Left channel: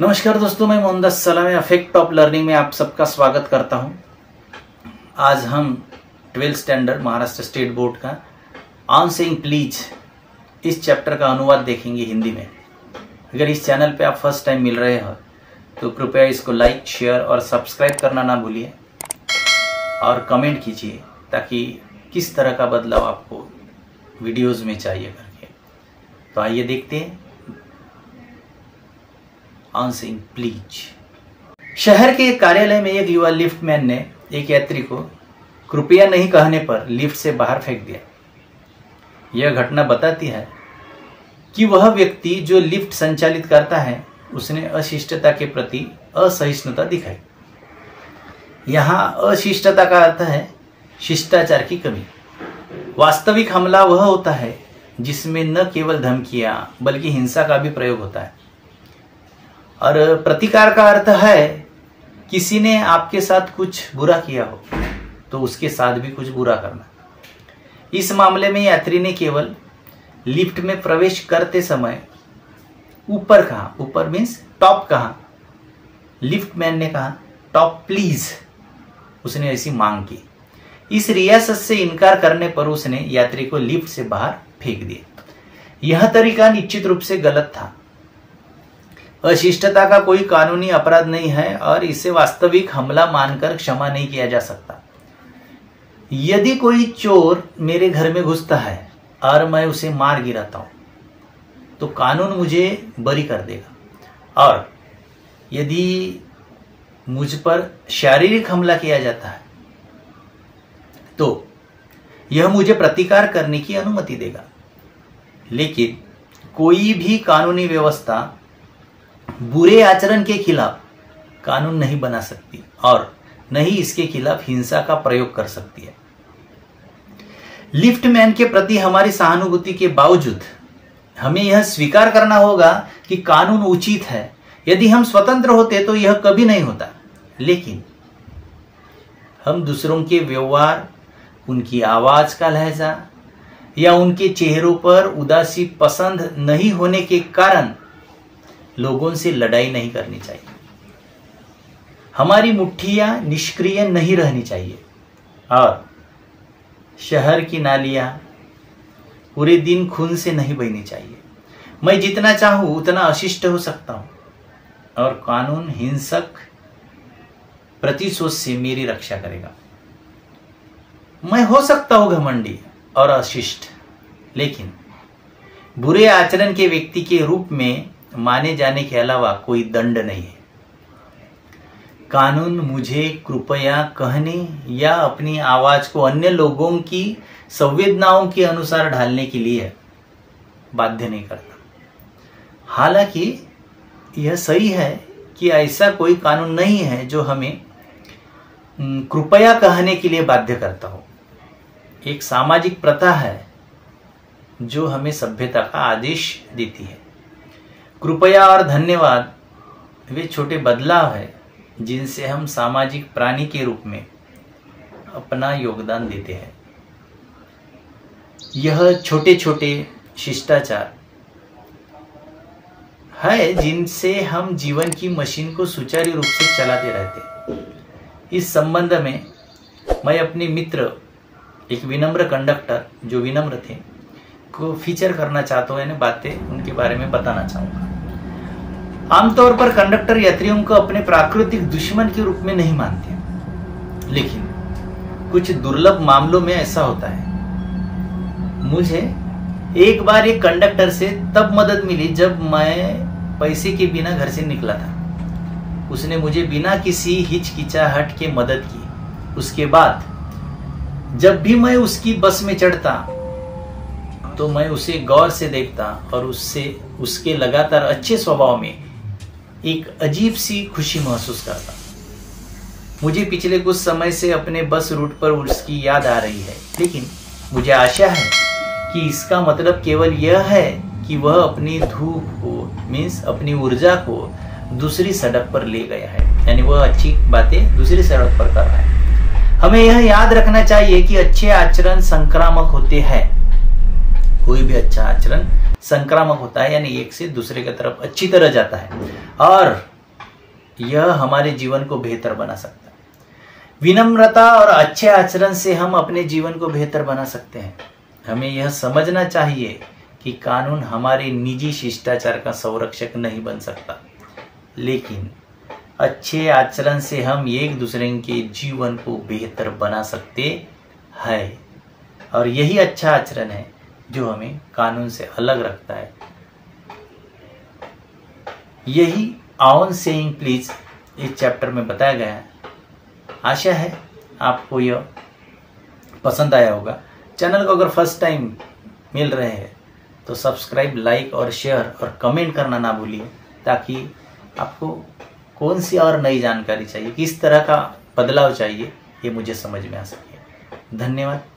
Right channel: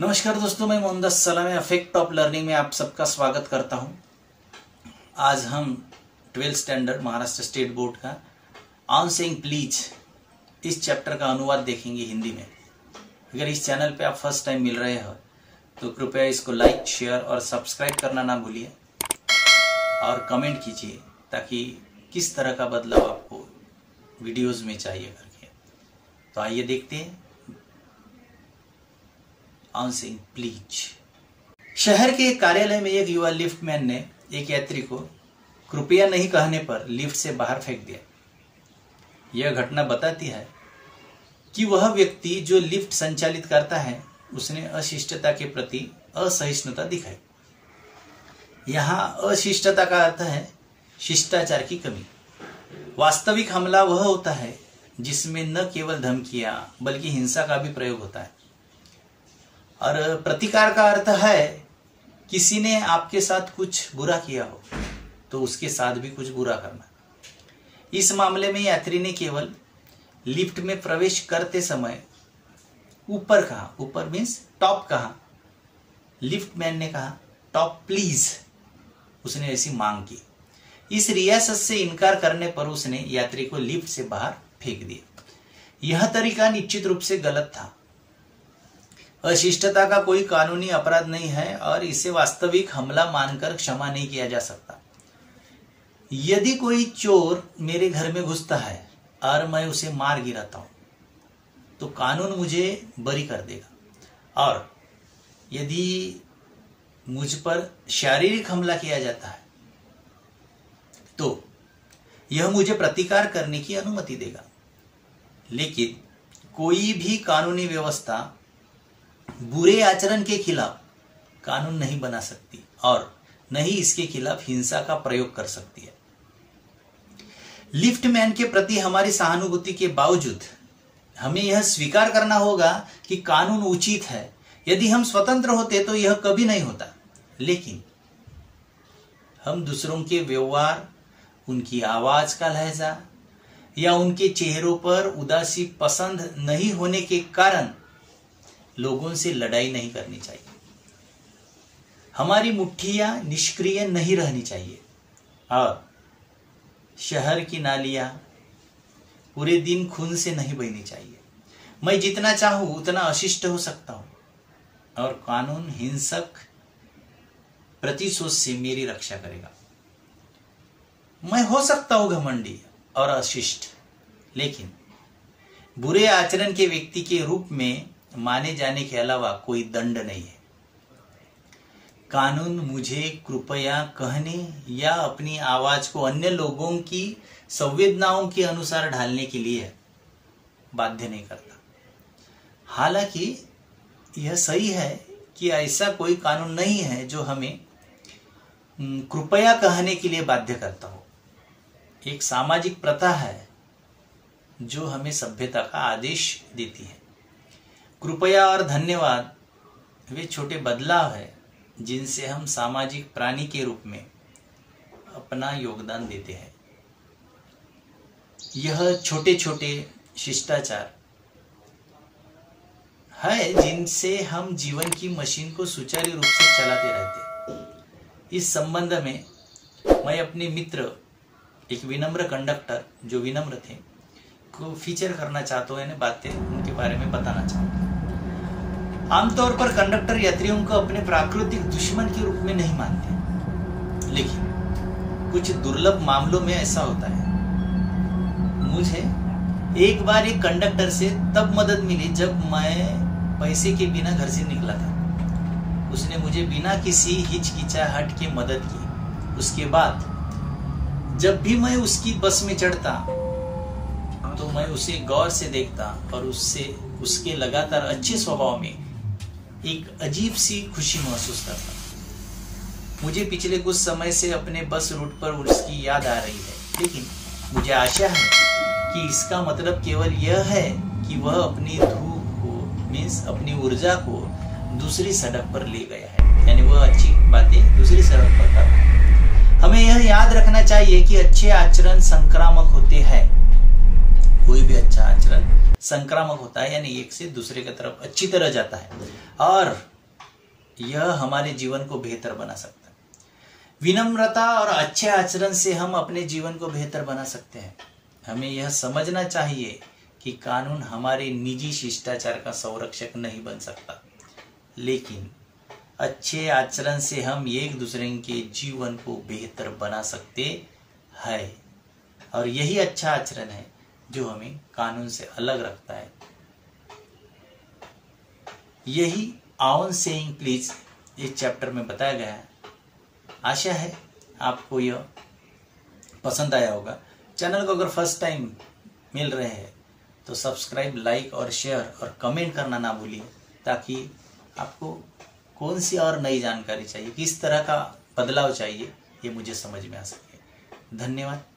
नमस्कार दोस्तों, मैं मोहम्मद सलाम अफेक्ट ऑफ लर्निंग में आप सबका स्वागत करता हूं। आज हम 12th standard Maharashtra state board का ऑन सेइंग प्लीज इस चैप्टर का अनुवाद देखेंगे हिंदी में। अगर इस चैनल पे आप फर्स्ट टाइम मिल रहे हो तो कृपया इसको लाइक, शेयर और सब्सक्राइब करना ना भूलिए और कमेंट कीजिए ताकि किस तरह का बदलाव आपको वीडियोस में चाहिए करके। तो आइए देखते हैं ऑन सेइंग प्लीज। शहर के एक कार्यालय में एक युवा लिफ्टमैन ने एक यात्री को कृपया नहीं कहने पर लिफ्ट से बाहर फेंक दिया। यह घटना बताती है कि वह व्यक्ति जो लिफ्ट संचालित करता है उसने अशिष्टता के प्रति असहिष्णुता दिखाई। यहाँ अशिष्टता का अर्थ है शिष्टाचार की कमी। वास्तविक हमला वह होता है जिसमें न केवल धमकियां बल्कि हिंसा का भी प्रयोग होता है। और प्रतिकार का अर्थ है किसी ने आपके साथ कुछ बुरा किया हो तो उसके साथ भी कुछ बुरा करना। इस मामले में यात्री ने केवल लिफ्ट में प्रवेश करते समय ऊपर कहा, ऊपर मीन्स टॉप कहा। लिफ्टमैन ने कहा टॉप प्लीज, उसने ऐसी मांग की। इस रियासत से इनकार करने पर उसने यात्री को लिफ्ट से बाहर फेंक दिया। यह तरीका निश्चित रूप से गलत था। अशिष्टता का कोई कानूनी अपराध नहीं है और इसे वास्तविक हमला मानकर क्षमा नहीं किया जा सकता। यदि कोई चोर मेरे घर में घुसता है और मैं उसे मार गिराता हूं तो कानून मुझे बरी कर देगा, और यदि मुझ पर शारीरिक हमला किया जाता है तो यह मुझे प्रतिकार करने की अनुमति देगा। लेकिन कोई भी कानूनी व्यवस्था बुरे आचरण के खिलाफ कानून नहीं बना सकती और न ही इसके खिलाफ हिंसा का प्रयोग कर सकती है। लिफ्टमैन के प्रति हमारी सहानुभूति के बावजूद हमें यह स्वीकार करना होगा कि कानून उचित है। यदि हम स्वतंत्र होते तो यह कभी नहीं होता। लेकिन हम दूसरों के व्यवहार, उनकी आवाज का लहजा या उनके चेहरों पर उदासी पसंद नहीं होने के कारण लोगों से लड़ाई नहीं करनी चाहिए। हमारी मुट्ठियां निष्क्रिय नहीं रहनी चाहिए और शहर की नालियां पूरे दिन खून से नहीं बहनी चाहिए। मैं जितना चाहूं उतना अशिष्ट हो सकता हूं और कानून हिंसक प्रतिशोध से मेरी रक्षा करेगा। मैं हो सकता हूं घमंडी और अशिष्ट, लेकिन बुरे आचरण के व्यक्ति के रूप में माने जाने के अलावा कोई दंड नहीं है। कानून मुझे कृपया कहने या अपनी आवाज को अन्य लोगों की संवेदनाओं के अनुसार ढालने के लिए बाध्य नहीं करता। हालांकि यह सही है कि ऐसा कोई कानून नहीं है जो हमें कृपया कहने के लिए बाध्य करता हो। एक सामाजिक प्रथा है जो हमें सभ्यता का आदेश देती है। कृपया और धन्यवाद वे छोटे बदलाव है जिनसे हम सामाजिक प्राणी के रूप में अपना योगदान देते हैं। यह छोटे छोटे शिष्टाचार है जिनसे हम जीवन की मशीन को सुचारू रूप से चलाते रहते। इस संबंध में मैं अपने मित्र, एक विनम्र कंडक्टर जो विनम्र थे, को फीचर करना चाहता हूं, यानी बातें उनके बारे में बताना चाहूंगा। आमतौर पर कंडक्टर यात्रियों को अपने प्राकृतिक दुश्मन के रूप में नहीं मानते, लेकिन कुछ दुर्लभ मामलों में ऐसा होता है। मुझे एक बार एक कंडक्टर से तब मदद मिली जब मैं पैसे के बिना घर से निकला था। उसने मुझे बिना किसी हिचकिचाहट के मदद की। उसके बाद जब भी मैं उसकी बस में चढ़ता तो मैं उसे गौर से देखता और उसके लगातार अच्छे स्वभाव में एक अजीब सी खुशी महसूस करता। मुझे पिछले कुछ समय से अपने बस रूट पर उसकी याद आ रही है, लेकिन मुझे आशा है कि इसका मतलब केवल यह है कि वह अपनी धूप को मीन्स अपनी ऊर्जा को दूसरी सड़क पर ले गया है, यानी वह अच्छी बातें दूसरी सड़क पर कर रहा है। हमें यह याद रखना चाहिए कि अच्छे आचरण संक्रामक होते हैं। कोई भी अच्छा आचरण संक्रामक होता है, यानी एक से दूसरे की तरफ अच्छी तरह जाता है। और यह हमारे जीवन को बेहतर बना सकता है। विनम्रता और अच्छे आचरण से हम अपने जीवन को बेहतर बना सकते हैं। हमें यह समझना चाहिए कि कानून हमारे निजी शिष्टाचार का संरक्षक नहीं बन सकता, लेकिन अच्छे आचरण से हम एक दूसरे के जीवन को बेहतर बना सकते हैं। और यही अच्छा आचरण है जो हमें कानून से अलग रखता है। यही ऑन सेइंग प्लीज इस चैप्टर में बताया गया है। आशा है आपको यह पसंद आया होगा। चैनल को अगर फर्स्ट टाइम मिल रहे हैं तो सब्सक्राइब, लाइक और शेयर और कमेंट करना ना भूलिए, ताकि आपको कौन सी और नई जानकारी चाहिए, किस तरह का बदलाव चाहिए, ये मुझे समझ में आ सके। धन्यवाद।